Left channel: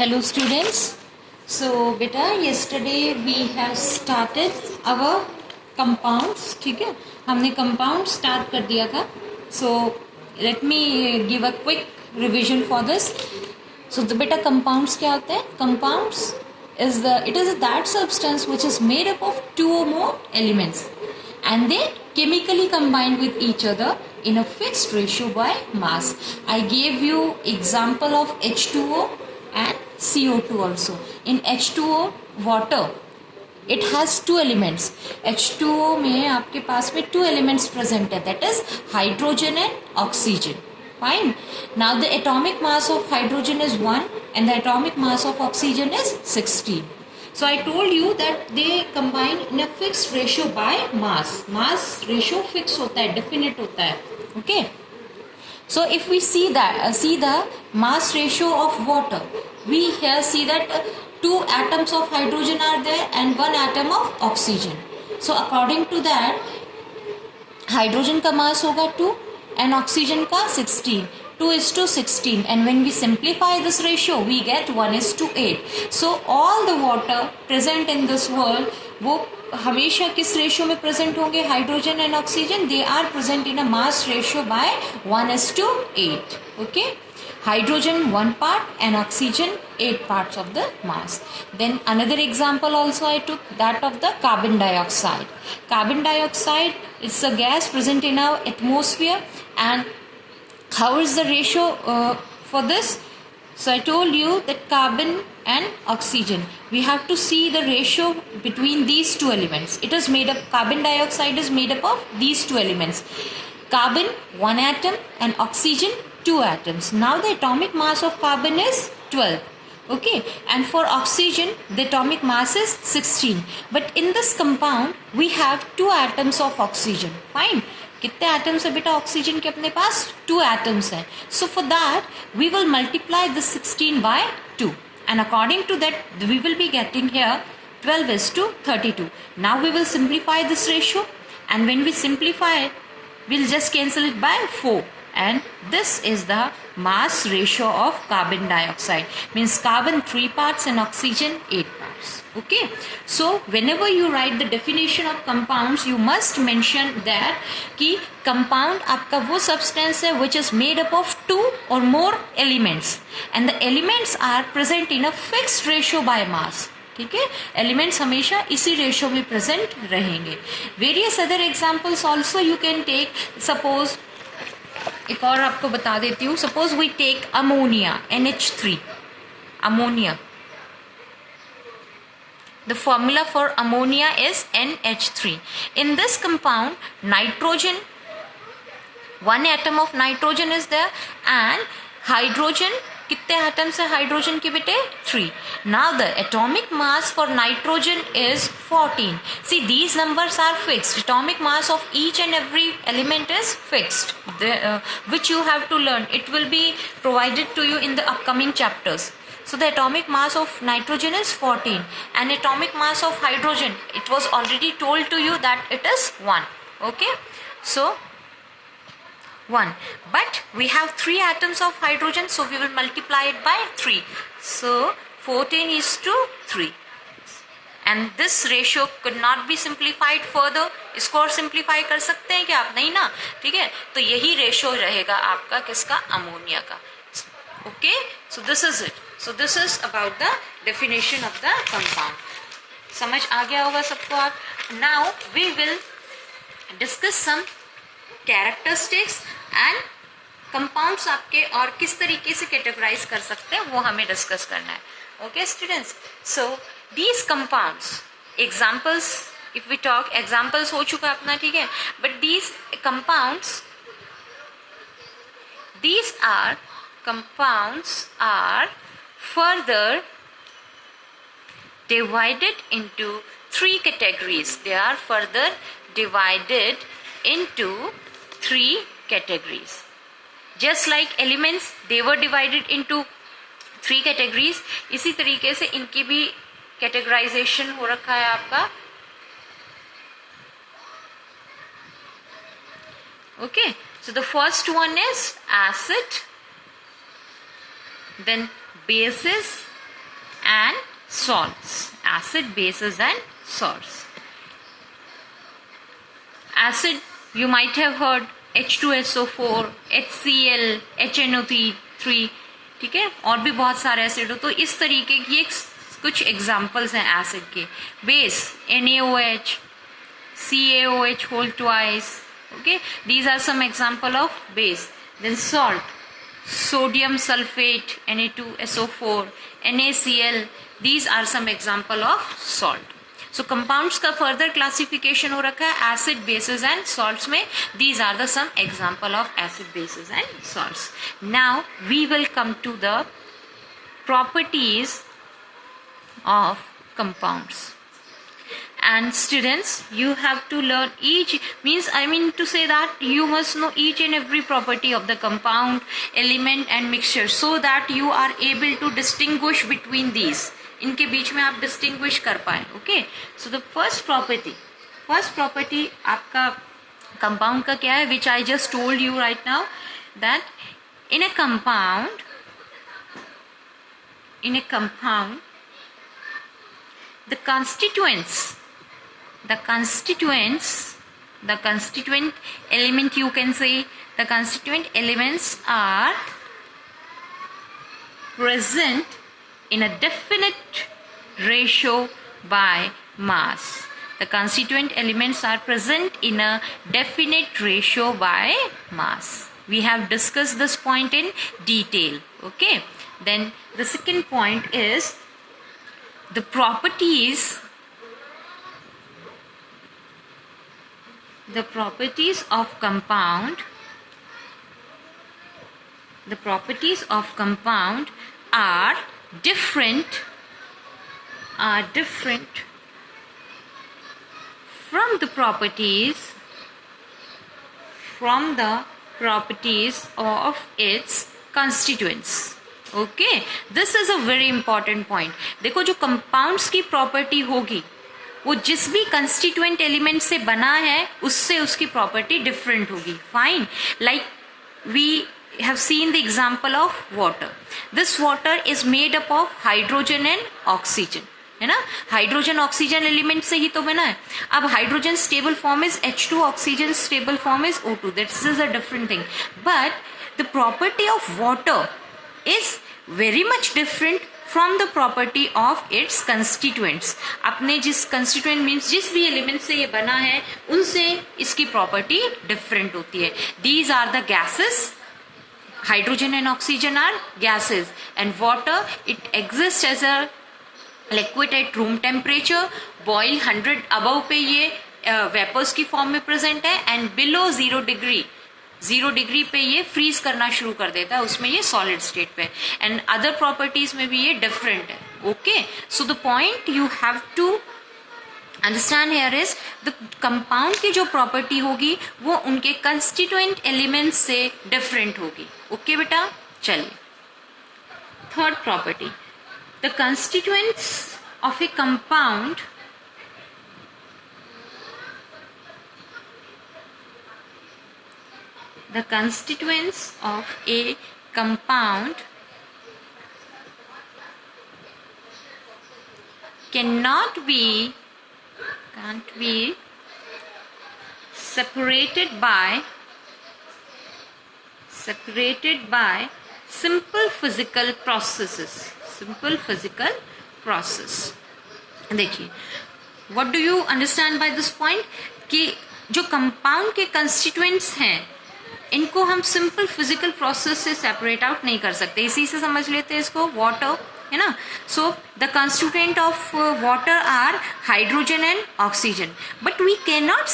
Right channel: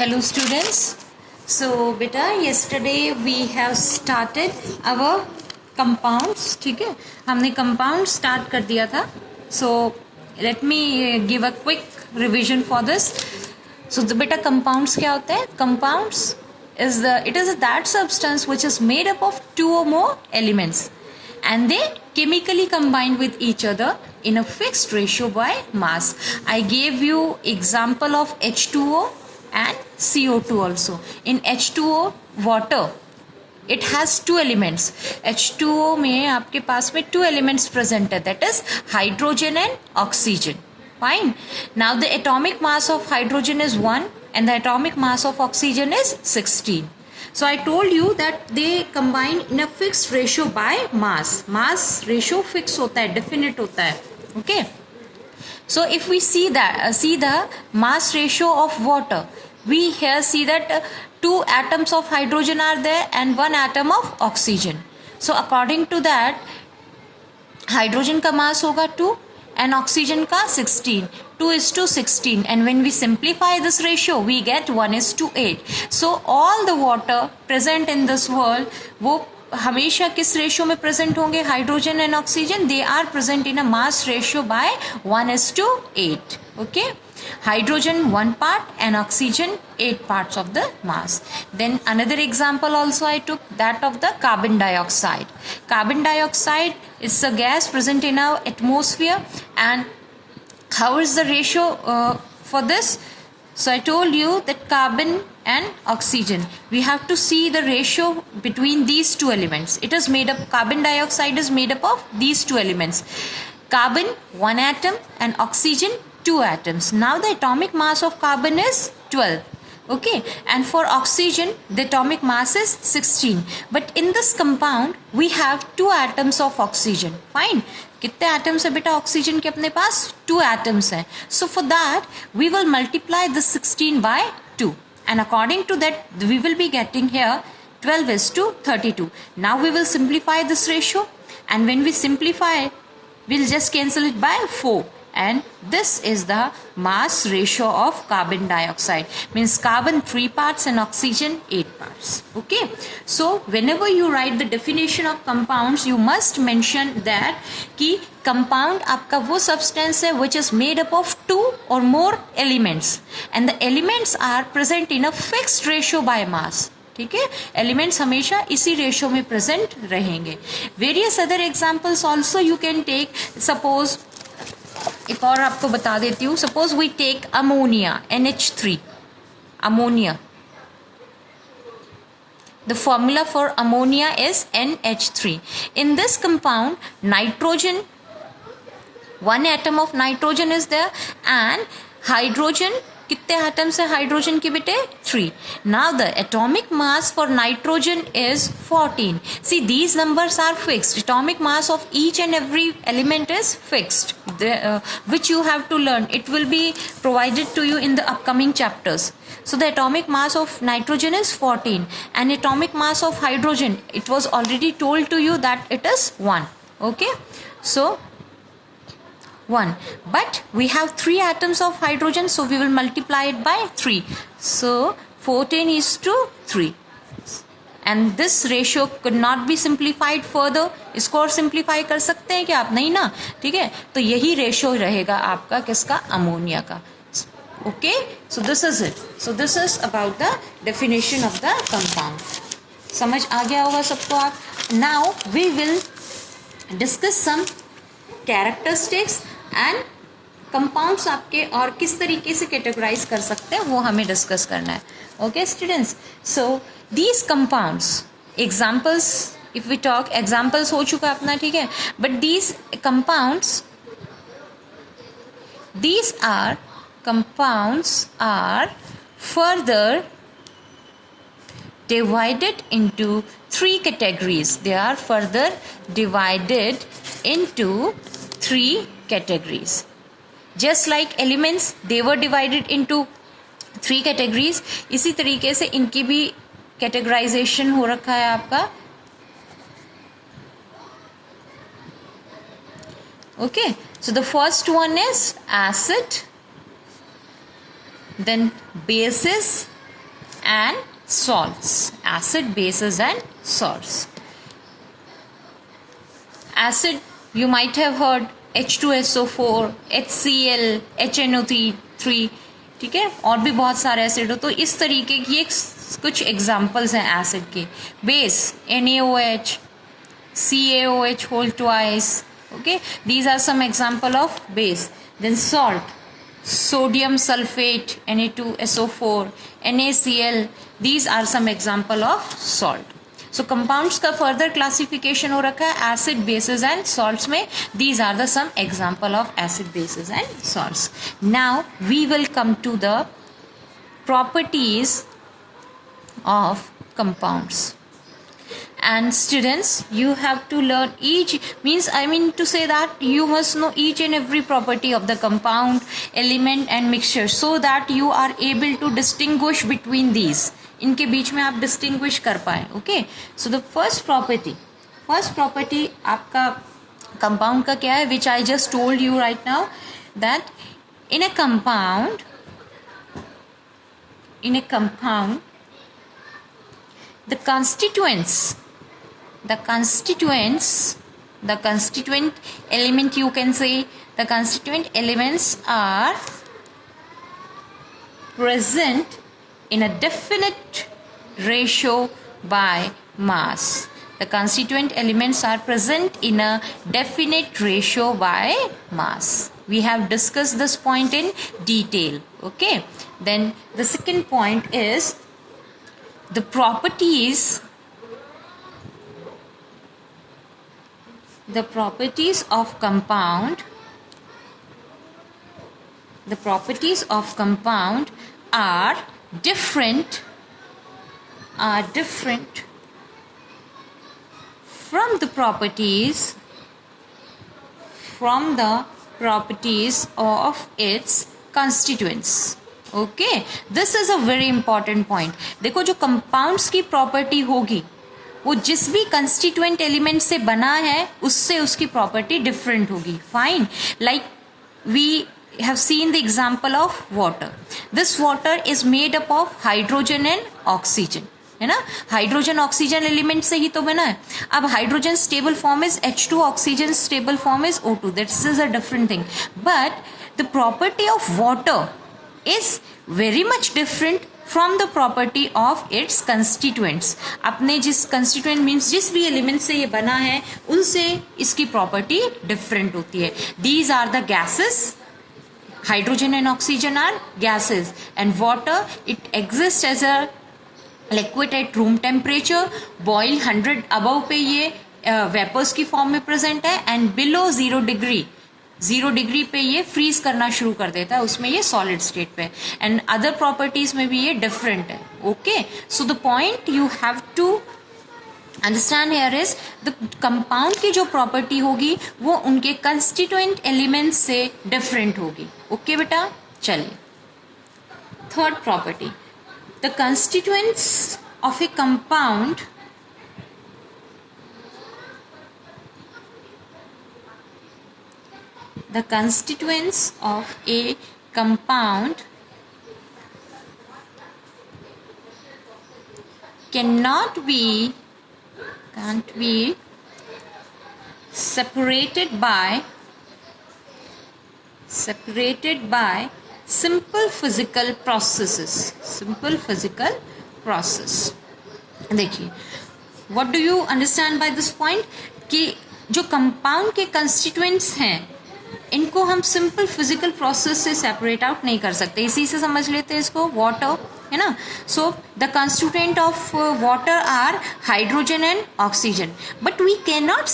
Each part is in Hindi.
Hello students. So beta yesterday we have started our compounds. ठीक है, हमने compound start कर दिया था. So let me give a quick revision for this. So the beta compounds क्या होते हैं? Compounds is that substance which is made up of two or more elements and they chemically combine with each other in a fixed ratio by mass. I gave you example of H2O and CO2 also. In H2O water it has two elements. H2O में आपके पास में two elements present है, that is hydrogen and oxygen. Fine. Now the atomic mass of hydrogen is 1 and the atomic mass of oxygen is 16. So I told you that they combine in a fixed ratio by mass. Mass ratio fix होता है, definite होता है. Okay. So if we see the mass ratio of water, we here see that two atoms of hydrogen are there and one atom of oxygen. So according to that, hydrogen का mass होगा 2 and oxygen का 16. 2:16, and when we simplify this ratio we get 1:8. So all the water present in this world वो हमेशा किस रेशियो में प्रेजेंट होंगे? Hydrogen and oxygen, they are present in a mass ratio by 1:8. Okay, hydrogen 1 part and oxygen 8 parts of the mass. Then another example also I took, that of the carbon dioxide. Carbon dioxide is a gas present in our atmosphere, and how is the ratio for this? So I told you that carbon and oxygen, we have to see the ratio between these two elements. It is made up, carbon dioxide is made up of these two elements. Carbon 1 atom and oxygen 2 atoms. Now the atomic mass of carbon is 12. Okay, and for oxygen the atomic mass is 16. But in this compound we have 2 atoms of oxygen. Fine. कितने atoms है बेटा ऑक्सीजन के अपने पास? 2 atoms है. So for that we will multiply this 16 by 2, and according to that we will be getting here 12:32. Now we will simplify this ratio, and when we simplify we'll just cancel it by 4, and this is the mass ratio of carbon dioxide. Means carbon 3 parts and oxygen 8 parts. Okay, so whenever you write the definition of compounds you must mention that कि compound आपका वो substance है which is made up of 2 or more elements and the elements are present in a fixed ratio by mass. ठीक है, एलिमेंट्स हमेशा इसी रेशियो में प्रेजेंट रहेंगे. Various other examples also you can take. Suppose एक और आपको बता देती हूँ. Suppose we take ammonia NH3. Ammonia, the formula for ammonia is NH3. In this compound nitrogen, 1 atom of nitrogen is there and hydrogen, कितने atoms है हाइड्रोजन के बेटे? 3. Now the atomic mass for nitrogen is 14. See, these numbers are fixed. Atomic mass of each and every element is fixed, which you have to learn. It will be provided to you in the upcoming chapters. So the atomic mass of nitrogen is 14 and atomic mass of hydrogen, it was already told to you that it is 1. Okay, so 1, but we have 3 atoms of hydrogen, so we will multiply it by 3. So 14:3, and this ratio could not be simplified further. इसको और सिंप्लीफाई कर सकते हैं क्या आप? नहीं ना. ठीक है, तो यही रेशियो रहेगा आपका किसका? अमोनिया का. Okay, so this is it. So this is about the definition of the compound. समझ आ गया होगा सबको आप. Now we will discuss some characteristics and compounds आपके और किस तरीके से कैटेगराइज कर सकते हैं वो हमें डिस्कस करना है. Okay students, so these compounds, examples, if we talk, examples हो चुका अपना, ठीक है, but these compounds are further divided into 3 categories. They are further divided into 3 categories. Just like elements they were divided into 3 categories, इसी तरीके से इनकी भी categorization हो रखा है आपका. Okay, so the first one is acid, then bases, and salts. Acid, bases and salts. Acid, you might have heard H2SO4, HCl, HNO3, ठीक है, और भी बहुत सारे एसिड हो. तो इस तरीके की ये कुछ एग्जाम्पल्स हैं एसिड के. Base, NaOH, CaOH whole twice. Okay, these are some example of base. Then salt, sodium sulfate, Na2SO4, NaCl, these are some example of salt. So compounds का further classification हो रखा है acid, bases and salts में. These are the some example of acid, bases and salts. Now we will come to the properties of compounds. And students, you have to learn each, I mean to say that you must know each and every property of the compound, element and mixture, so that you are able to distinguish between these. इनके बीच में आप डिस्टिंग्विश कर पाए. Okay, so the first property आपका कंपाउंड का क्या है, which I just told you right now, that in a compound the constituent element, you can say the constituent elements are present in a definite ratio by mass. The constituent elements are present in a definite ratio by mass. We have discussed this point in detail. Okay, then the second point is the properties of compound. The properties of compound are different from the properties of its constituents. Okay, this is a very important point. देखो, जो कंपाउंड्स की प्रॉपर्टी होगी वो जिस भी कंस्टिट्यूएंट एलिमेंट से बना है उससे उसकी प्रॉपर्टी डिफरेंट होगी. Fine, like we have seen the example of water. This water is made up of hydrogen and oxygen, है ना. हाइड्रोजन ऑक्सीजन एलिमेंट से ही तो बना है. अब hydrogen stable form is H2, oxygen stable form is O2. This is a different thing. But the property of water is very much different from the property of its constituents. अपने जिस constituent means जिस भी element से ये बना है उनसे इसकी property different होती है. These are the gases. Hydrogen and oxygen are gases, and water, it exists as a liquid at room temperature. Boil 100 above पे ये vapors की form में present है, and below 0 डिग्री पे ये फ्रीज करना शुरू कर देता है, उसमें ये सॉलिड स्टेट पे. एंड अदर प्रॉपर्टीज में भी ये डिफरेंट है. Okay, so the point you have to understand here is the compound की जो प्रॉपर्टी होगी वो उनके कंस्टिट्यूएंट एलिमेंट्स से डिफरेंट होगी. ओके बेटा, चलिए third property, the constituents of a compound the constituents of a compound can't be separated by simple physical process. देखिए, what do you understand by this point, कि जो कंपाउंड के कंस्टिट्यूएंट्स हैं इनको हम सिंपल फिजिकल प्रोसेस से सेपरेट आउट नहीं कर सकते. इसी से समझ लेते हैं इसको, वाटर है ना. So the constituent of water are hydrogen and oxygen, but we can not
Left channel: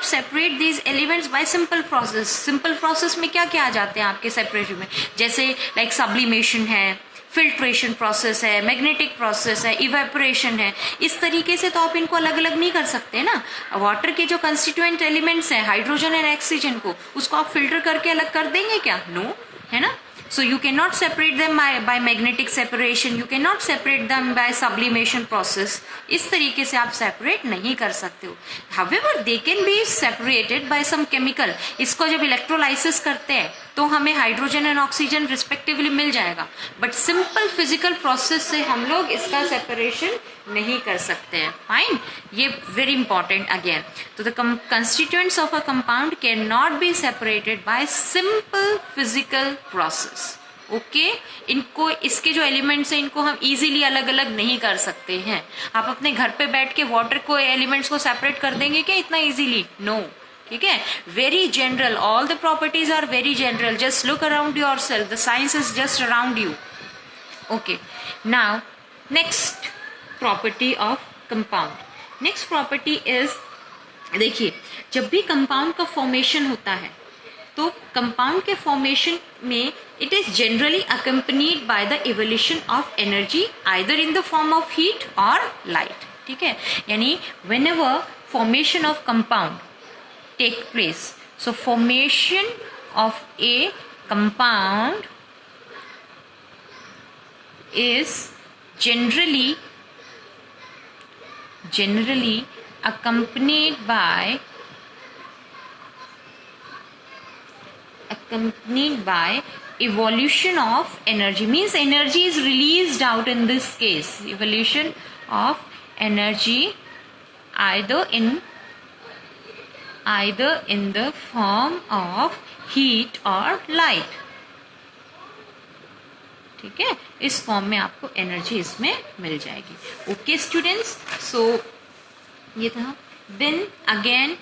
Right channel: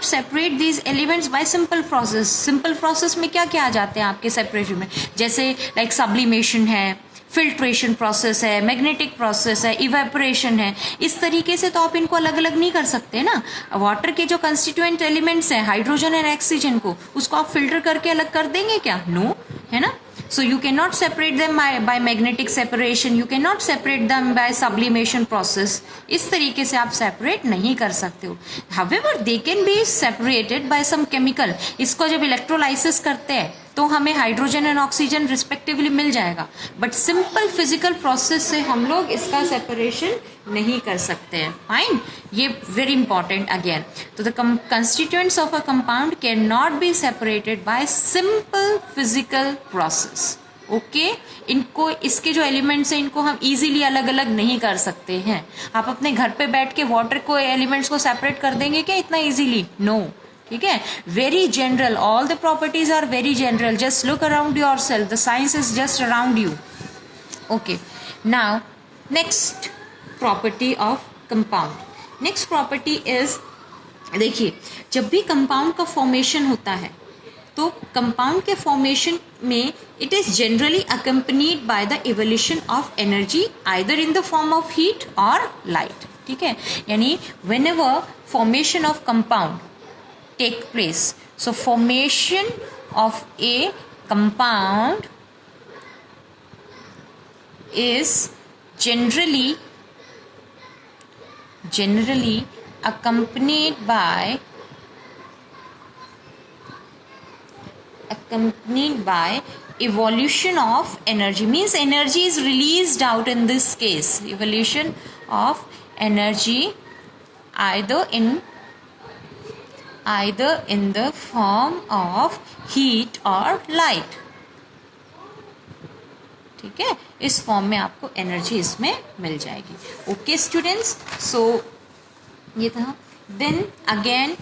separate these elements by simple process. Simple process में क्या क्या आ जाते हैं आपके सेपरेशन में, जैसे लाइक सब्लिमेशन है, फिल्ट्रेशन प्रोसेस है, मैग्नेटिक प्रोसेस है, इवेपोरेशन है. इस तरीके से तो आप इनको अलग अलग नहीं कर सकते ना. वाटर के जो कंस्टिट्यूएंट एलिमेंट्स हैं हाइड्रोजन एंड ऑक्सीजन को, उसको आप फिल्टर करके अलग कर देंगे क्या? नो, है ना. So you can not separate them by magnetic separation, you can not separate them by sublimation process. इस तरीके से आप सेपरेट नहीं कर सकते हो. However they can be separated by some chemical. इसको जब इलेक्ट्रोलाइसिस करते हैं तो हमें हाइड्रोजन एंड ऑक्सीजन रिस्पेक्टिवली मिल जाएगा, बट सिंपल फिजिकल प्रोसेस से हम लोग इसका सेपरेशन नहीं कर सकते हैं. फाइन, ये वेरी इंपॉर्टेंट अगेन. तो the constituents of a compound can not be separated bye simple physical process. Okay, इनको, इसके जो एलिमेंट्स हैं इनको हम इजीली अलग अलग नहीं कर सकते हैं. आप अपने घर पे बैठ के वाटर को एलिमेंट्स को सेपरेट कर देंगे क्या इतना इजीली? नो. ठीक है, very general, all the properties are very general. Just look around yourself, the science is just around you. Okay, now next property of compound. Next property is, देखिए, जब भी कंपाउंड का फॉर्मेशन होता है तो कंपाउंड के फॉर्मेशन में it is generally accompanied by the evolution of energy either in the form of heat और लाइट. ठीक है, यानी whenever formation of compound take place, so formation of a compound is generally accompanied by evolution of energy, means energy is released out. In this case, evolution of energy either in the form of heat or light. ठीक है, इस फॉर्म में आपको एनर्जी इसमें मिल जाएगी. ओके स्टूडेंट्स, सो ये था. देन अगेन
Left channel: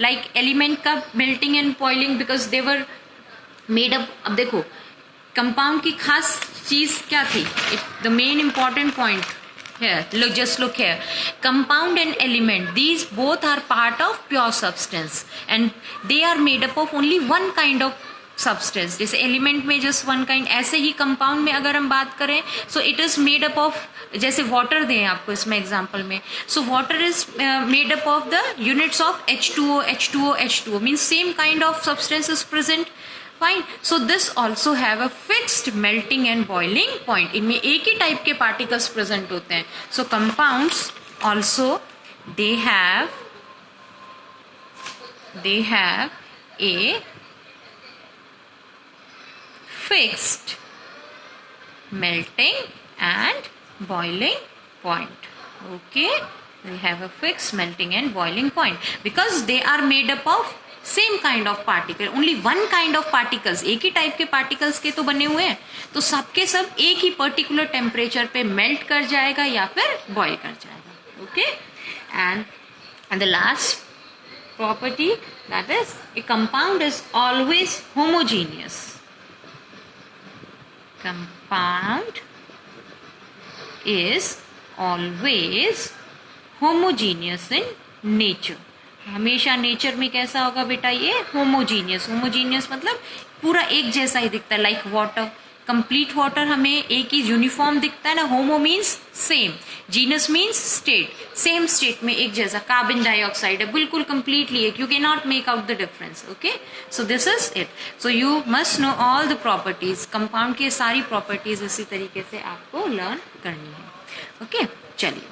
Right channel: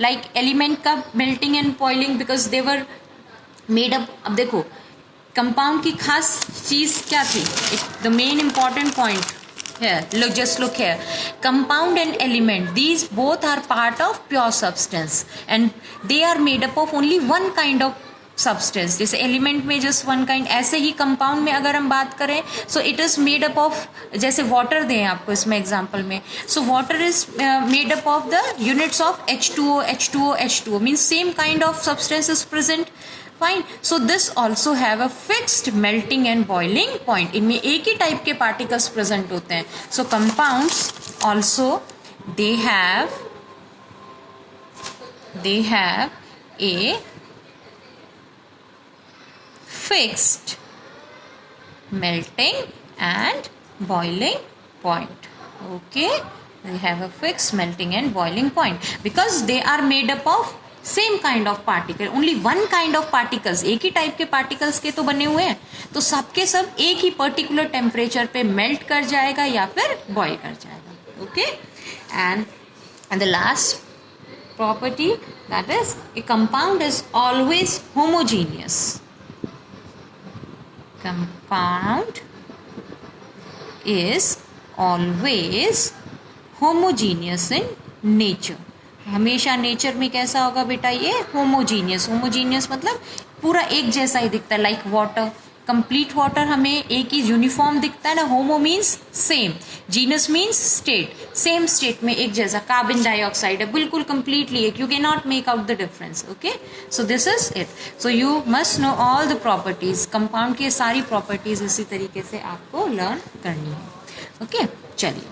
लाइक एलिमेंट का melting and boiling, because they were made up. अब देखो, कंपाउंड की खास चीज क्या थी? The main important point here, look here, compound and element, these both are part of pure substance and they are made up of only one kind of substance. जैसे एलिमेंट में जस्ट वन काइंड, ऐसे ही कंपाउंड में अगर हम बात करें so it is made up of, जैसे वाटर दें आपको इसमें एग्जांपल में, so water is made up of the units of H2O, H2O, H2O, means same kind of substance is present. Fine, so this also have a fixed melting and boiling point. इनमें एक ही टाइप के पार्टिकल्स प्रेजेंट होते हैं. सो compounds also they have a fixed melting and boiling point. Okay, we have a fixed melting and boiling point because they are made up of same kind of particle, only one kind of particles. एक ही टाइप के particles के तो बने हुए हैं, तो सबके सब एक ही पर्टिकुलर टेम्परेचर पे मेल्ट कर जाएगा या फिर बॉयल कर जाएगा. Okay, and the last property, that is a compound is always homogeneous. Compound is always homogeneous in nature. हमेशा नेचर में कैसा होगा बेटा? ये होमोजीनियस. होमोजीनियस मतलब पूरा एक जैसा ही दिखता है, लाइक वाटर. कंप्लीट वाटर हमें एक ही यूनिफॉर्म दिखता है ना. होमो means same, genus means state, same state में एक जैसा. कार्बन डाइऑक्साइड है बिल्कुल कंप्लीटली एक, you can not make out the difference. Okay, so this is it. So you must know all the properties. Compound की सारी प्रॉपर्टीज इसी तरीके से आपको लर्न करनी है. ओके, चलिए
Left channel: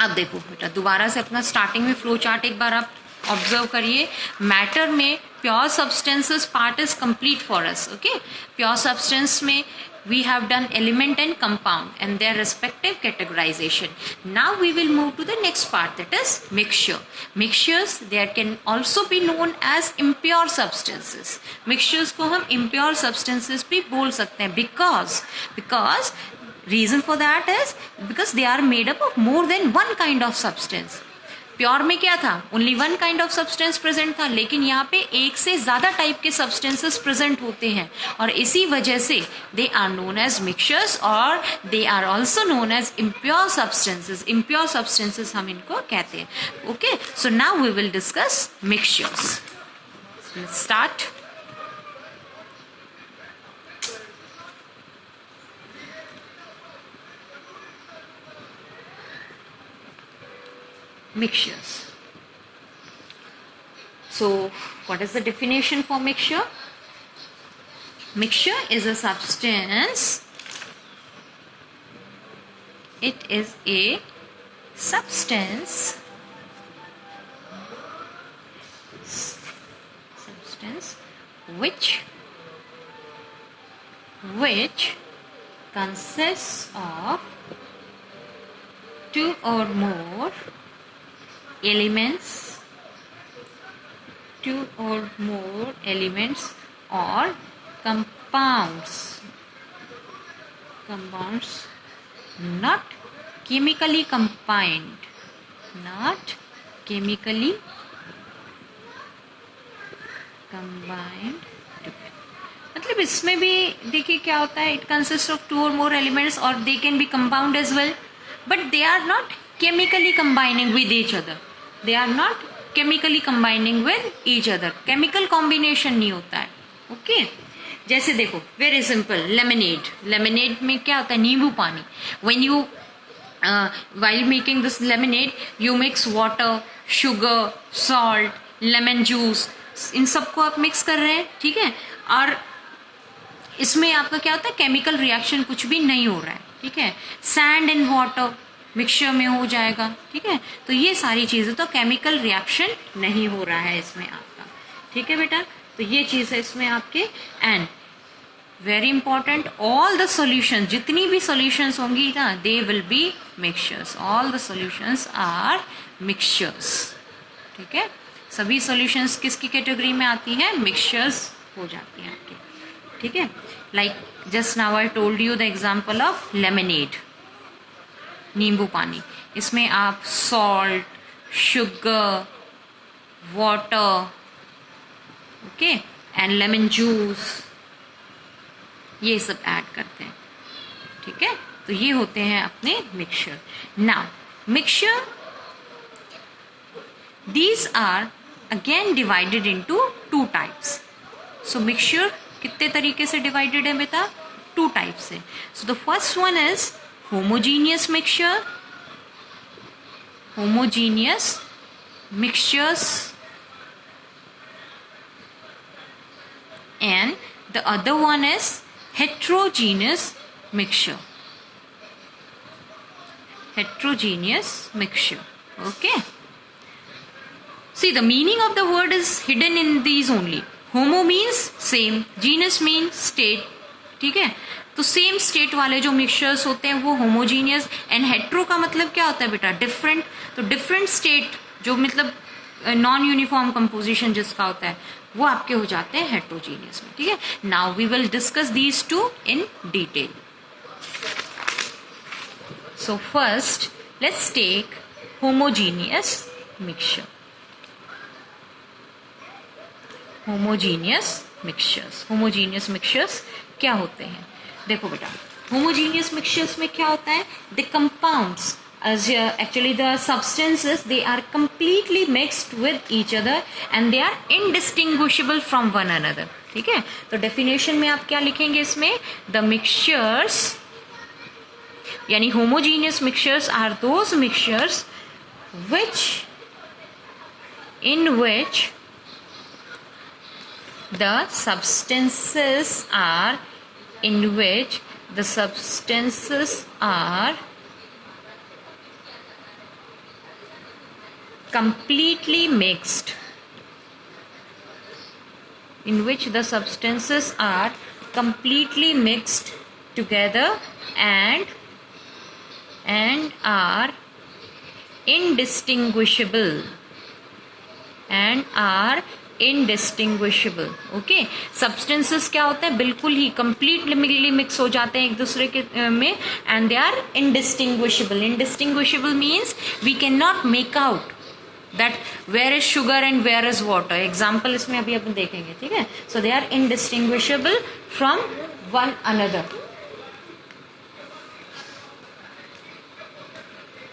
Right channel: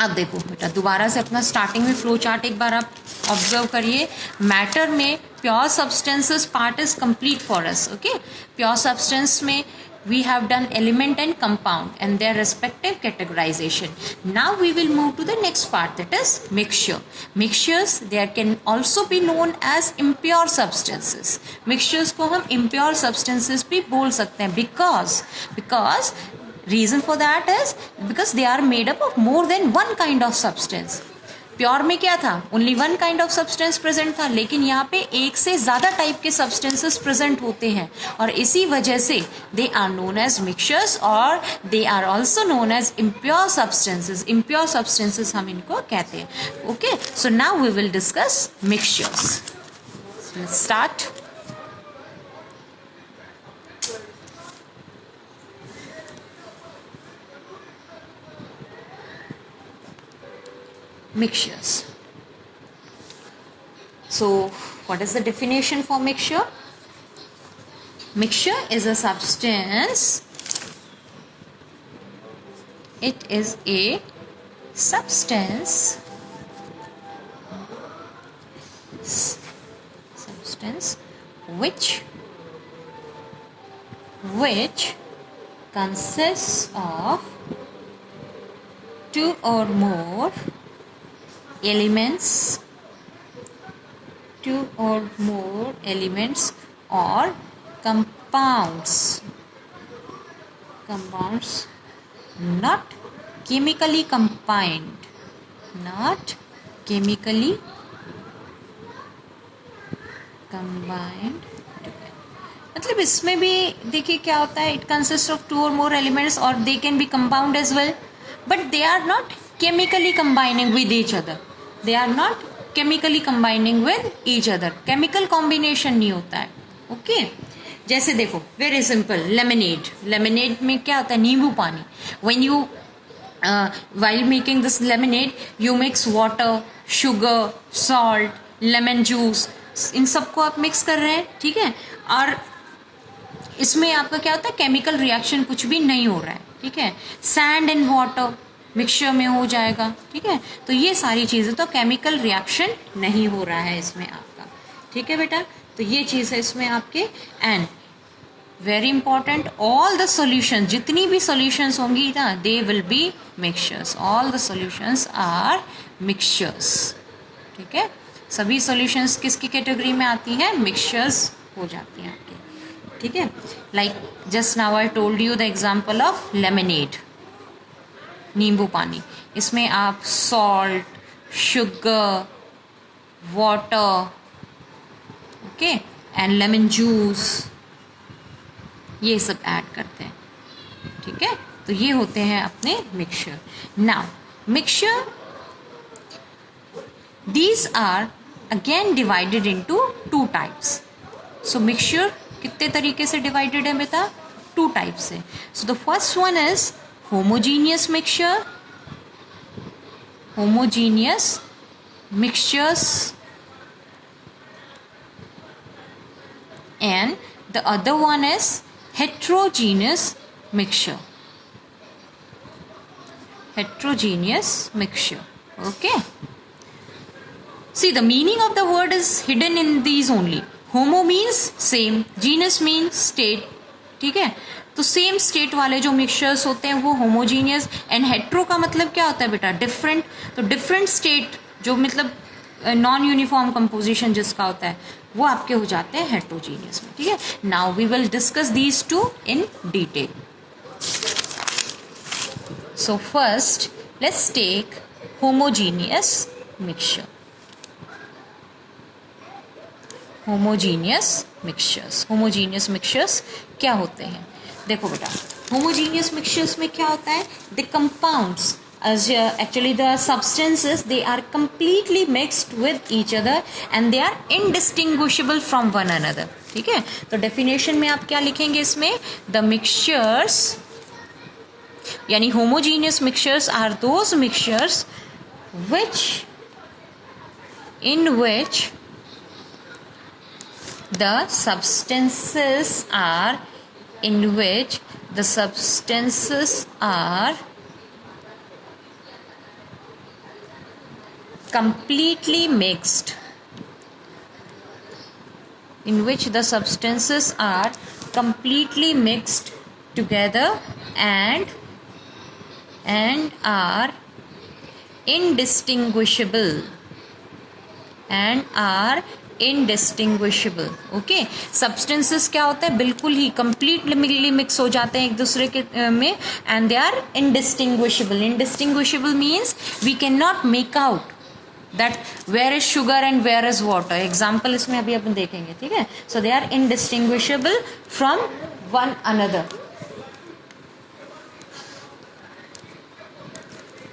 अब देखो बेटा, दोबारा से अपना स्टार्टिंग में फ्लो चार्ट एक बार आप ऑब्जर्व करिए. मैटर में pure substances part is complete for us. Okay, pure substance में we have done element and compound and their respective categorization. Now we will move to the next part, that is mixture. Mixtures, there can also be known as impure substances. Mixtures को हम impure substances भी बोल सकते हैं because reason for that is because they are made up of more than one kind of substance. Pure में क्या था? Only one kind of substance present था, लेकिन यहाँ पे एक से ज्यादा टाइप के सब्सटेंसेस प्रेजेंट होते हैं और इसी वजह से they are known as mixtures और they are also known as impure substances. Impure substances हम इनको कहते हैं. Okay, so now we will discuss mixtures. Let's start. Mixtures. So what is the definition for mixture? Mixture is a substance. It is a substance which consists of two or more elements or compounds not chemically combined together. मतलब इसमें भी देखिए क्या होता है, इट कंसिस्ट ऑफ टू और मोर एलिमेंट्स और they can be compound as well, but they are not chemically combining with each other. Chemical combination नहीं होता है. ओके जैसे देखो वेरी सिंपल, लेमनेड में क्या होता है, नींबू पानी. When you while making this lemonade you mix water, sugar, salt, lemon juice, इन सबको आप मिक्स कर रहे हैं. ठीक है, और इसमें आपका क्या होता है, केमिकल रिएक्शन कुछ भी नहीं हो रहा है. ठीक है, सैंड एंड वाटर मिक्सचर में हो जाएगा. ठीक है, तो ये सारी चीज़ें तो केमिकल रिएक्शन नहीं हो रहा है इसमें आपका. ठीक है बेटा, तो ये चीज़ है इसमें आपके. And very important, all the solution, जितनी भी सॉल्यूशंस होंगी ना, they will be mixtures. All the solutions are mixtures. ठीक है, सभी सॉल्यूशंस किसकी कैटेगरी में आती है, मिक्सचर्स हो जाती हैं आपके. ठीक है, like just now I told you the example of lemonade, नींबू पानी. इसमें आप salt, sugar, water, okay, and lemon juice, ये सब ऐड करते हैं. ठीक है, तो ये होते हैं अपने mixture. Now mixture, these are again divided into two types. So mixture कितने तरीके से डिवाइडेड है बेटा, टू टाइप्स से. So the first one is homogeneous mixture, mixtures, and the other one is heterogeneous mixture. Okay, see, the meaning of the word is hidden in these only. Homo means same, genus means state. ठीक है, तो सेम स्टेट वाले जो मिक्सचर्स होते हैं वो होमोजीनियस. एंड हेट्रो का मतलब क्या होता है बेटा, डिफरेंट. तो डिफरेंट स्टेट जो मतलब नॉन यूनिफॉर्म कंपोजिशन जिसका होता है वो आपके हो जाते हैं हेट्रोजीनियस में. ठीक है, now we will discuss these two in detail. So first let's take homogeneous mixture. Homogeneous mixtures क्या होते हैं, देखो बेटा. होमोजीनियस मिक्सचर्स में क्या होता है, the compounds, actually the substances, they are completely mixed with each other and they are indistinguishable from one another. ठीक है, तो डेफिनेशन में आप क्या लिखेंगे इसमें, द मिक्सचर्स, यानी homogeneous mixtures are those mixtures in which the substances are completely mixed, together and are indistinguishable. Okay, substances क्या होता है, बिल्कुल ही कंप्लीटली मिक्स हो जाते हैं एक दूसरे के में, and they are indistinguishable means we can not make out that where is sugar and where is water. Example इसमें अभी अपन देखेंगे. ठीक है, so they are indistinguishable from one another.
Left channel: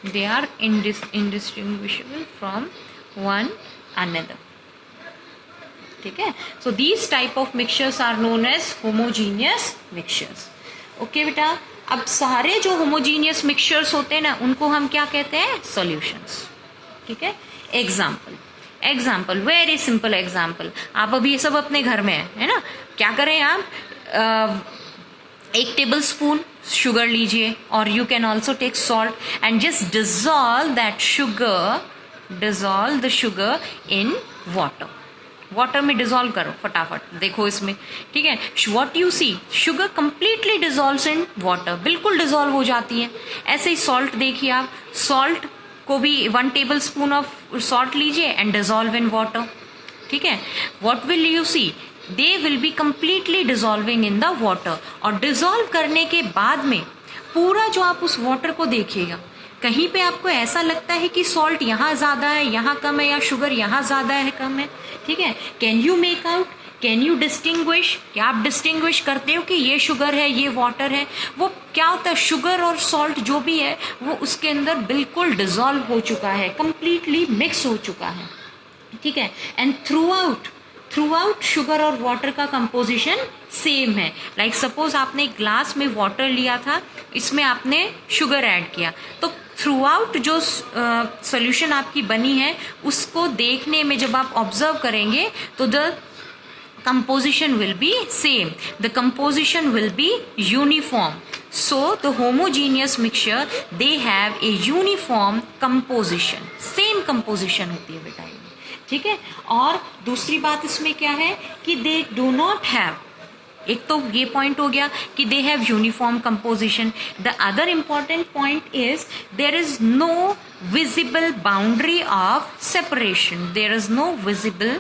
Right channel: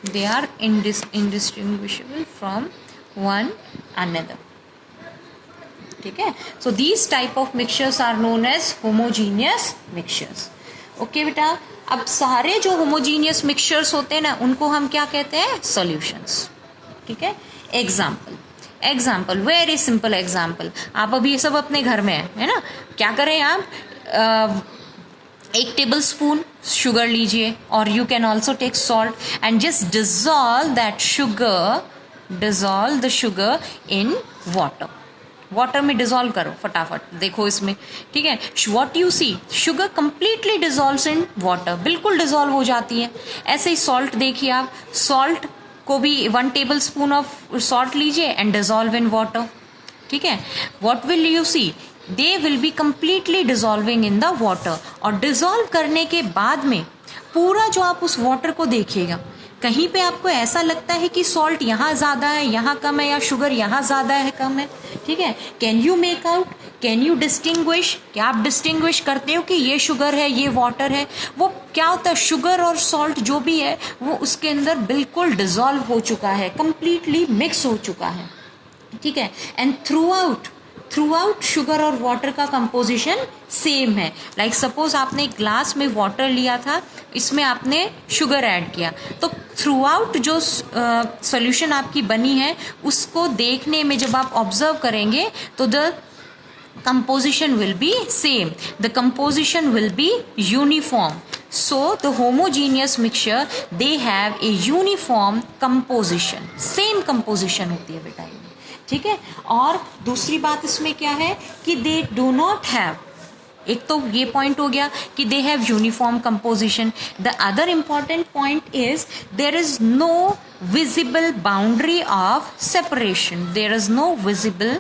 They are indistinguishable from one another. ठीक है, so these type of mixtures are known as homogeneous mixtures. Okay बेटा, अब सारे जो homogeneous mixtures होते हैं ना उनको हम क्या कहते हैं, solutions. ठीक है, एग्जाम्पल वेरी सिंपल एग्जाम्पल. आप अभी ये सब अपने घर में है ना, क्या करें आप, एक टेबल स्पून शुगर लीजिए और you can also take salt and just dissolve the sugar in water. Water में डिजोल्व करो फटाफट, देखो इसमें, ठीक है। What you see, sugar completely dissolves in water, बिल्कुल डिजोल्व हो जाती है। ऐसे ही सॉल्ट देखिए आप, सॉल्ट को भी 1 टेबल स्पून ऑफ सॉल्ट लीजिए एंड डिजोल्व इन वाटर, ठीक है। What will you see, they will be completely dissolving in the water. और डिजोल्व करने के बाद में पूरा जो आप उस वाटर को देखिएगा, कहीं पे आपको ऐसा लगता है कि सॉल्ट यहाँ ज़्यादा है, यहाँ कम है, या शुगर यहाँ ज़्यादा है, कम है, ठीक है। Can you make out, can you distinguish, क्या आप डिस्टिंग्विश करते हो कि ये शुगर है, ये वाटर है? वो क्या होता है, शुगर और सॉल्ट जो भी है वो उसके अंदर बिल्कुल डिजोल्व हो चुका है, कंप्लीटली मिक्स हो चुका है, ठीक है। एंड थ्रू आउट शुगर और वाटर का कंपोजिशन सेम है। लाइक सपोज आपने एक ग्लास में वाटर लिया था, इसमें आपने शुगर ऐड किया, तो थ्रू आउट जो सॉल्यूशन आपकी बनी है उसको देखने में जब आप ऑब्जर्व करेंगे तो the composition will be same, the composition will be uniform. So the homogeneous mixture, they have a uniform composition, same composition होती है बेटा, ठीक है। और दूसरी बात इसमें क्या है कि they do not have, एक तो ये पॉइंट हो गया कि they have uniform composition. The other important point is there is no visible boundary of separation, there is no visible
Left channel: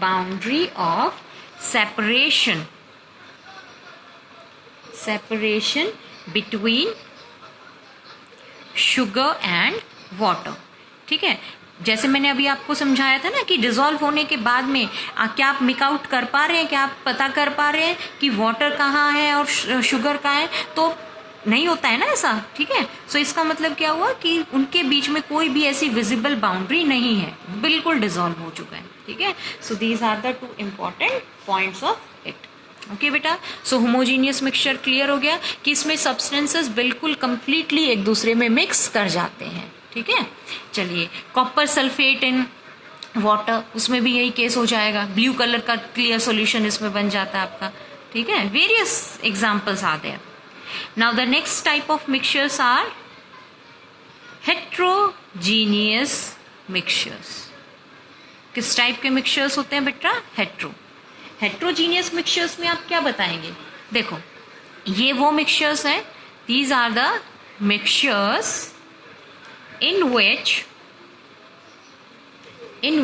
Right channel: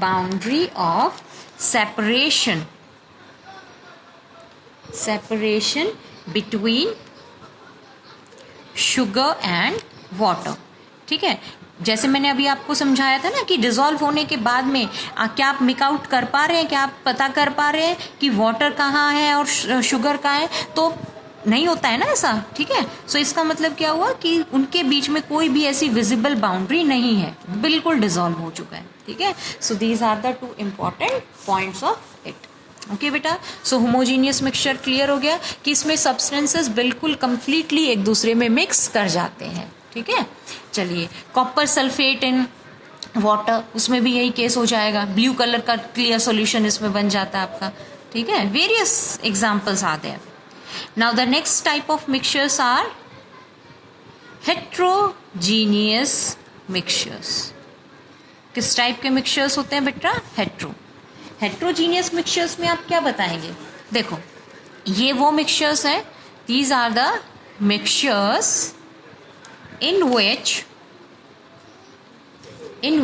boundary of separation between sugar and water, ठीक है। जैसे मैंने अभी आपको समझाया था ना कि डिजोल्व होने के बाद में क्या आप मिक आउट कर पा रहे हैं, क्या आप पता कर पा रहे हैं कि वाटर कहाँ है और शुगर कहाँ है? तो नहीं होता है ना ऐसा, ठीक है। सो इसका मतलब क्या हुआ कि उनके बीच में कोई भी ऐसी विजिबल बाउंड्री नहीं है, बिल्कुल डिजोल्व हो चुका है, ठीक है। So these are the 2 important points of it, okay बेटा। सो होमोजीनियस मिक्सचर क्लियर हो गया कि इसमें सब्सटेंसेस बिल्कुल कंप्लीटली एक दूसरे में मिक्स कर जाते हैं, ठीक है। चलिए, कॉपर सल्फेट इन वाटर, उसमें भी यही केस हो जाएगा, ब्लू कलर का क्लियर सॉल्यूशन इसमें बन जाता है आपका, ठीक है। Various examples are there. Now the next type of mixtures are heterogeneous mixtures. किस टाइप के मिक्सचर्स होते हैं बेटा? हेट्रोजीनियस मिक्सचर्स में आप क्या बताएंगे? देखो, ये वो मिक्सचर्स हैं, these are the mixtures in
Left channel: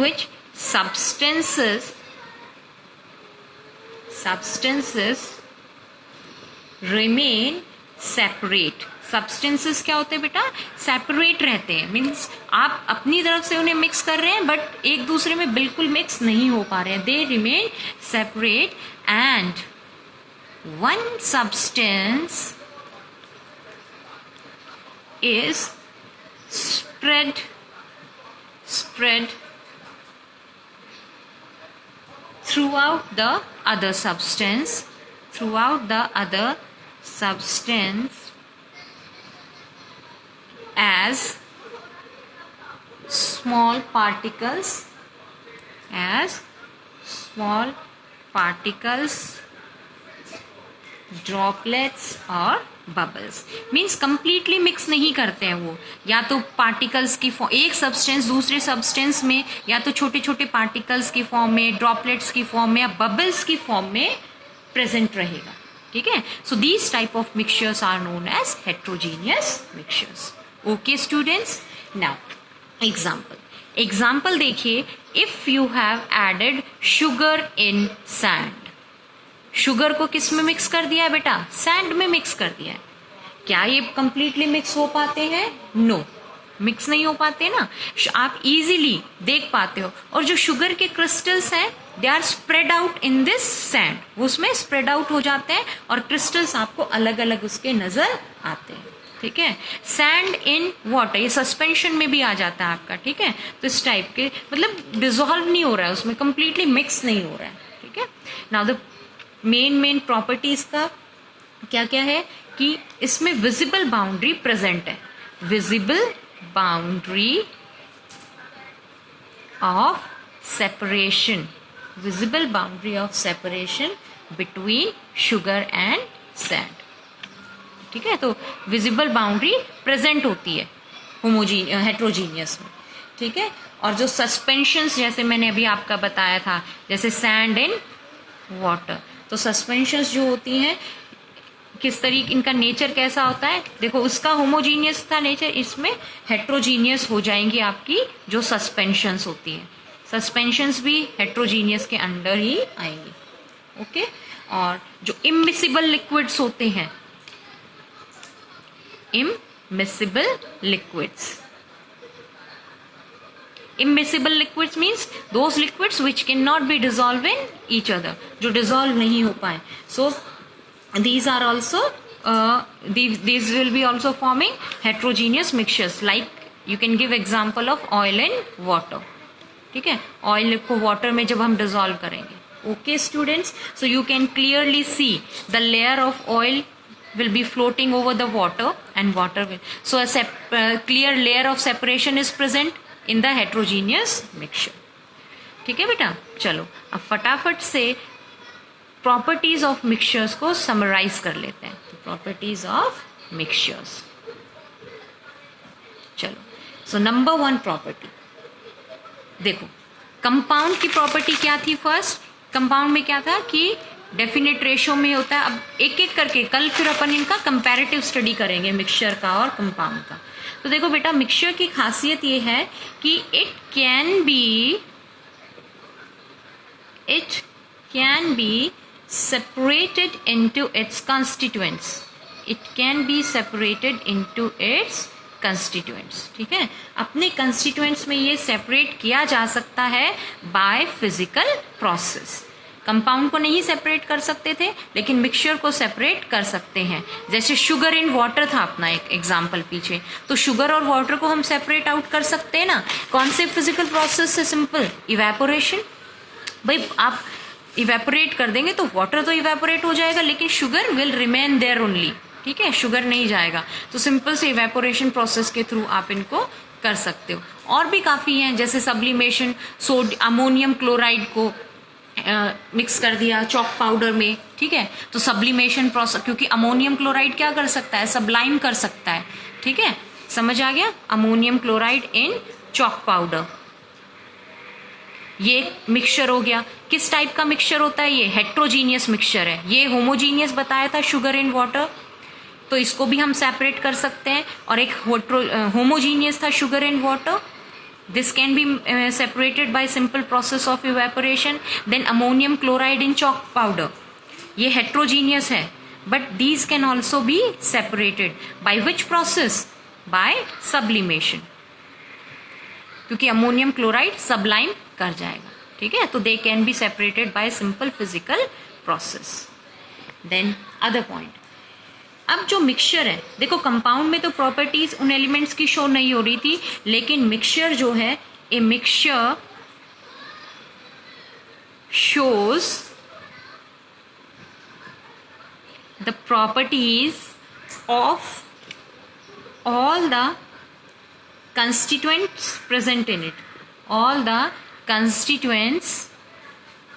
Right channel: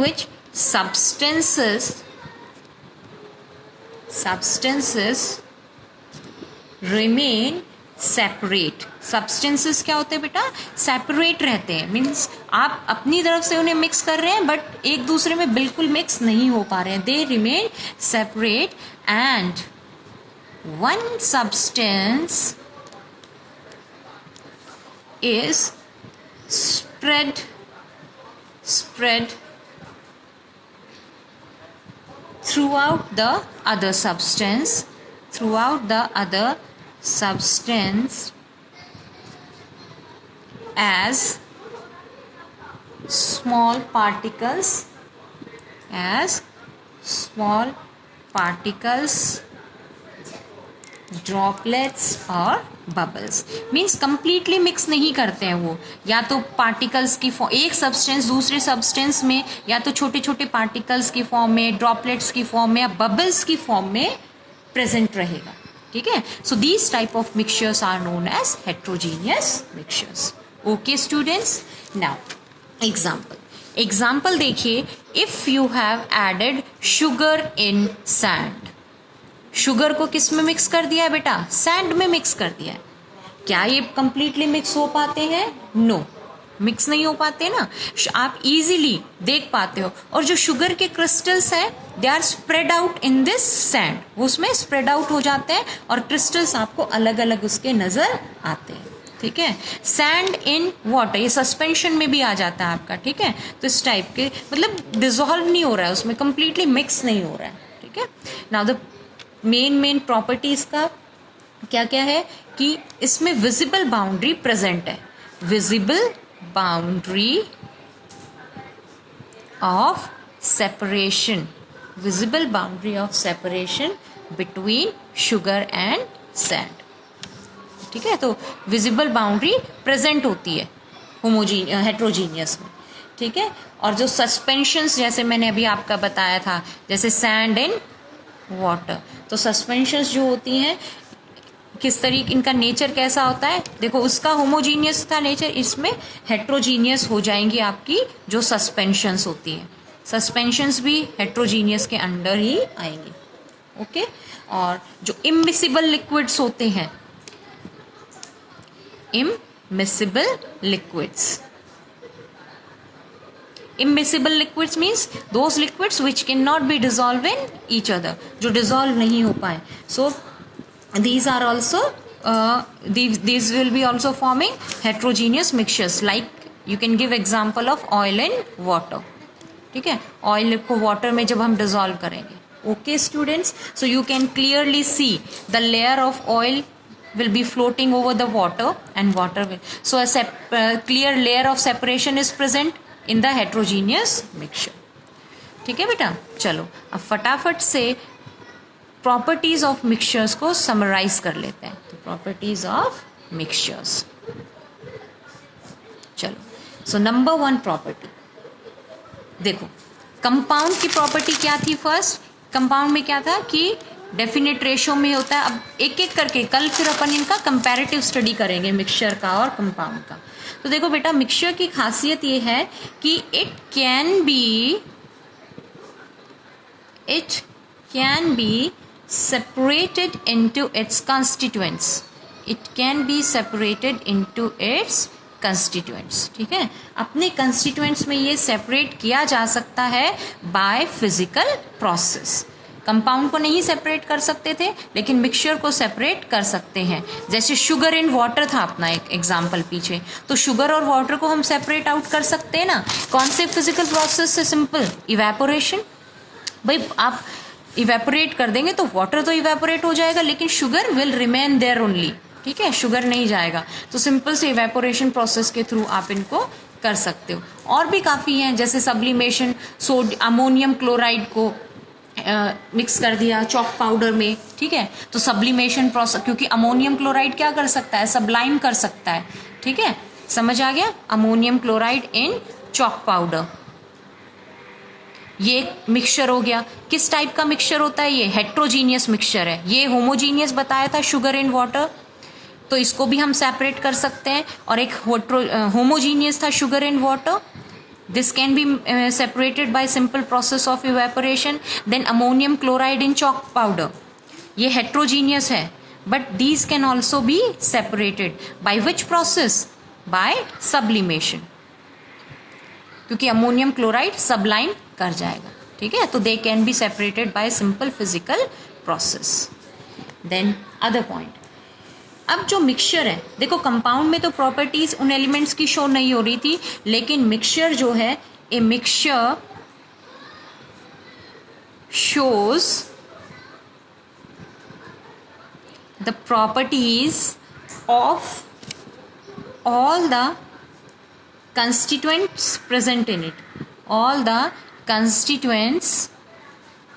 which substances remain separate. Substances क्या होते हैं बेटा? सेपरेट रहते हैं, मीन्स आप अपनी तरफ से उन्हें मिक्स कर रहे हैं बट एक दूसरे में बिल्कुल मिक्स नहीं हो पा रहे हैं, they remain separate and one substance is spread throughout the other substance as small particles, droplets और बबल्स। मीन्स कंप्लीटली मिक्स नहीं करते हैं वो, या तो पार्टिकल्स की फॉर्म, एक सब्सटेंस दूसरे सब्सटेंस में या तो छोटे छोटे पार्टिकल्स की फॉर्म में, ड्रॉपलेट्स की फॉर्म में या बबल्स की फॉर्म में प्रेजेंट रहेगा, ठीक है। So these type of mixtures are known as heterogeneous mixtures. Okay students, now example देखिए, if you have added sugar in sand, sugar को किस में मिक्स कर दिया है बेटा? सैंड में मिक्स कर दिया है। क्या ये कंप्लीटली मिक्स हो पाते हैं? नो, मिक्स नहीं हो पाते ना, आप इजीली देख पाते हो। और जो शुगर के क्रिस्टल्स हैं they are spread out in this sand, उसमें स्प्रेड आउट हो जाते हैं और क्रिस्टल्स आपको अलग अलग उसके नजर आते हैं, ठीक है। सैंड इन वाटर, ये सस्पेंशन में भी आ जाता है आपका, ठीक है। तो इस टाइप के, मतलब डिजोल्व नहीं हो रहा है उसमें, कंप्लीटली मिक्स नहीं हो रहा है, ठीक है। नाउ द मेन प्रॉपर्टीज का क्या क्या है कि इसमें विजिबल बाउंड्री प्रेजेंट है, visible boundary of separation between sugar and sand, ठीक है। तो विजिबल बाउंड्री प्रेजेंट होती है हेट्रोजीनियस में। ठीक है। और जो सस्पेंशंस जैसे मैंने अभी आपका बताया था, जैसे सैंड इन वाटर, तो सस्पेंशंस जो होती हैं किस तरीके, इनका नेचर कैसा होता है, देखो उसका होमोजीनियस था नेचर, इसमें हेट्रोजीनियस हो जाएंगी आपकी जो सस्पेंशंस होती हैं। सस्पेंशंस भी हेट्रोजीनियस के अंडर ही आएंगी। ओके। और जो इमिसिबल लिक्विड्स होते हैं, immiscible liquids, immiscible liquids means those liquids which cannot be dissolved in each other, जो dissolve नहीं हो पाए. So these are also these will be also forming heterogeneous mixtures, like you can give example of oil and water. ठीक है, ऑयल को वाटर में जब हम डिजोल्व करेंगे. Okay students, so you can clearly see the layer of oil will be floating over the water and water will, so a clear layer of separation is present in the heterogeneous mixture. ठीक है बेटा, चलो अब फटाफट से प्रॉपर्टीज ऑफ मिक्सचर्स को समराइज कर लेते हैं. तो प्रॉपर्टीज ऑफ मिक्सचर्स, चलो. सो नंबर 1 प्रॉपर्टी देखो, कंपाउंड की प्रॉपर्टी क्या थी. फर्स्ट कंपाउंड में क्या था कि डेफिनेट रेशो में होता है. अब एक एक करके कल फिर अपन इनका कंपैरेटिव स्टडी करेंगे मिक्सचर का और कंपाउंड का. तो देखो बेटा, मिक्सचर की खासियत ये है कि it can be separated into its constituents. It can be separated into its constituents. ठीक है, अपने constituents में ये separate किया जा सकता है by physical process. कंपाउंड को नहीं सेपरेट कर सकते थे, लेकिन मिक्सचर को सेपरेट कर सकते हैं. जैसे शुगर इन वाटर था अपना एक एग्जाम्पल पीछे, तो शुगर और वाटर को हम सेपरेट आउट कर सकते हैं ना. कौन से फिजिकल प्रोसेस से? Simple evaporation. भाई आप इवेपोरेट कर देंगे तो वाटर तो इवेपोरेट हो जाएगा, लेकिन sugar will remain there only. ठीक है, शुगर नहीं जाएगा. तो सिंपल से इवेपोरेशन प्रोसेस के थ्रू आप इनको कर सकते हो. और भी काफ़ी हैं, जैसे सब्लिमेशन, अमोनियम क्लोराइड को मिक्स कर दिया चॉक पाउडर में. ठीक है, तो सब्लिमेशन प्रोसेस, क्योंकि अमोनियम क्लोराइड क्या कर सकता है? सब्लाइम कर सकता है. ठीक है, समझ आ गया. Ammonium chloride in chalk powder, ये मिक्सचर हो गया. किस टाइप का मिक्सचर होता है? ये हेट्रोजीनियस मिक्सचर है. ये होमोजीनियस बताया था शुगर इन वाटर, तो इसको भी हम सेपरेट कर सकते हैं. और एक होमोजीनियस था sugar in water. This can be separated by simple process of evaporation. Then ammonium chloride in chalk powder, ये heterogeneous है, but these can also be separated by which process? By sublimation, क्योंकि अमोनियम क्लोराइड सबलाइम कर जाएगा. ठीक है, तो they can be separated by simple physical process. Then other point, अब जो मिक्सचर है, देखो कंपाउंड में तो प्रॉपर्टीज उन एलिमेंट्स की शो नहीं हो रही थी, लेकिन मिक्सचर जो है, a mixture shows the properties of all the constituents present in it. All the constituents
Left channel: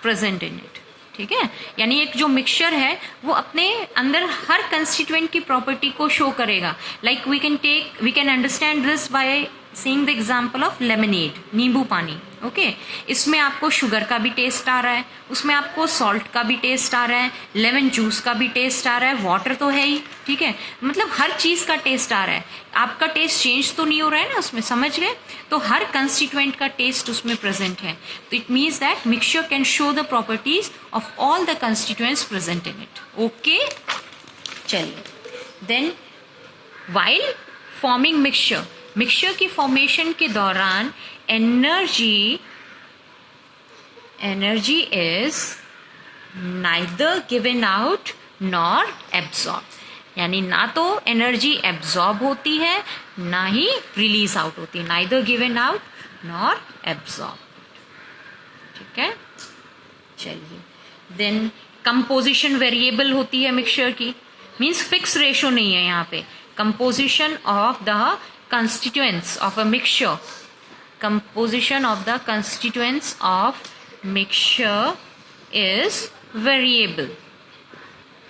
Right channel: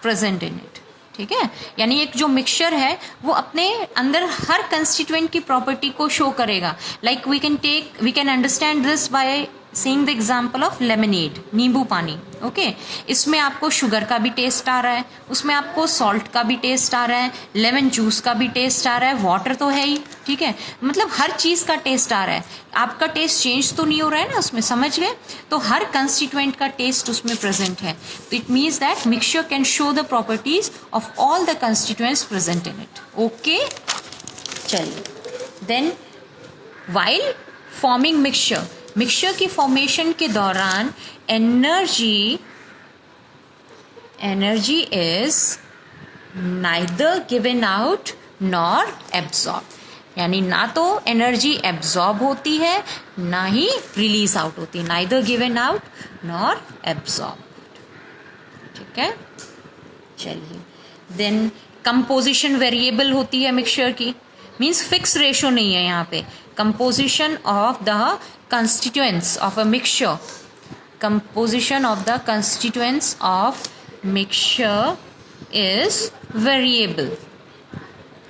present in it. ठीक है, यानी एक जो मिक्सचर है वो अपने अंदर हर कंस्टिट्यूएंट की प्रॉपर्टी को शो करेगा. Like we can understand this by seeing the example of lemonade, नींबू पानी. ओके, इसमें आपको शुगर का भी टेस्ट आ रहा है, उसमें आपको सॉल्ट का भी टेस्ट आ रहा है, लेमन जूस का भी टेस्ट आ रहा है, वाटर तो है ही. ठीक है, मतलब हर चीज़ का टेस्ट आ रहा है. आपका टेस्ट चेंज तो नहीं हो रहा है ना उसमें, समझ गए? तो हर कंस्टिट्यूएंट का टेस्ट उसमें प्रेजेंट है. तो it means that mixture can show the properties of all the constituents present in it. Okay, चलिए. Then while forming mixture, mixture की फॉर्मेशन के दौरान energy is neither given out nor absorb. यानी ना तो एनर्जी एब्जॉर्ब होती है, ना ही रिलीज आउट होती है. Neither given out nor absorb. ठीक है, चलिए. देन कंपोजिशन वेरिएबल होती है मिक्सचर की, मीन्स फिक्स रेशो नहीं है यहाँ पे. Composition of the constituents of a mixture, composition of the constituents of mixture is variable.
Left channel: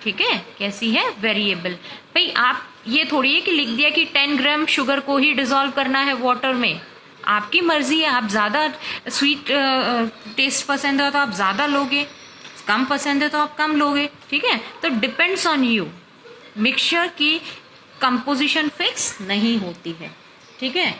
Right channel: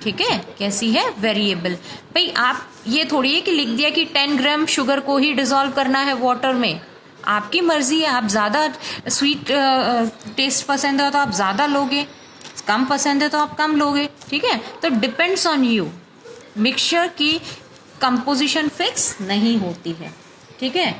ठीक है, कैसी है? वेरिएबल. भाई आप ये थोड़ी है कि लिख दिया कि 10 ग्राम शुगर को ही डिसॉल्व करना है वाटर में. आपकी मर्जी है, आप ज़्यादा स्वीट टेस्ट पसंद है तो आप ज़्यादा लोगे, कम पसंद है तो आप कम लोगे, ठीक है। तो डिपेंड्स ऑन यू। मिक्सचर की कंपोजिशन फिक्स नहीं होती है, ठीक है,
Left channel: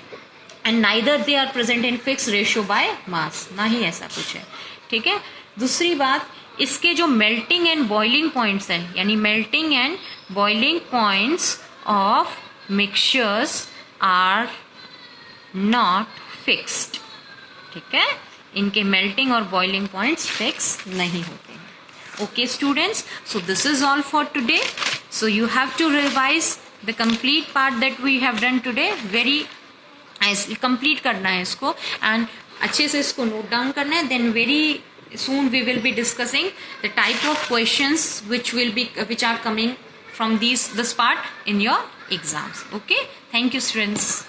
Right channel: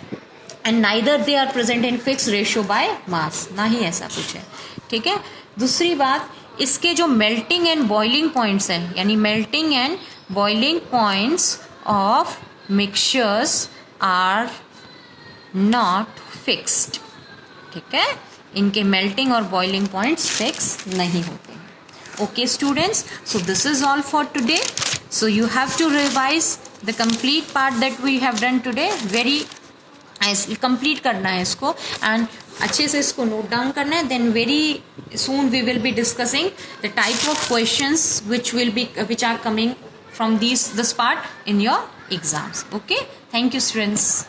and neither they are present in fix ratio by mass, ना ही ऐसा कुछ है, ठीक है। दूसरी बात, इसके जो मेल्टिंग एंड बॉइलिंग पॉइंट्स हैं, यानी melting and boiling points of mixtures are not fixed, ठीक है। इनके मेल्टिंग और बॉइलिंग पॉइंट्स फिक्स नहीं होते हैं। Okay students, so this is all for today. So you have to revise the complete part that we have done today, very complete करना है इसको एंड अच्छे से इसको नोट डाउन करना है। Then very soon we will be discussing the type of questions which are coming from this part in your exams. Okay, thank you students.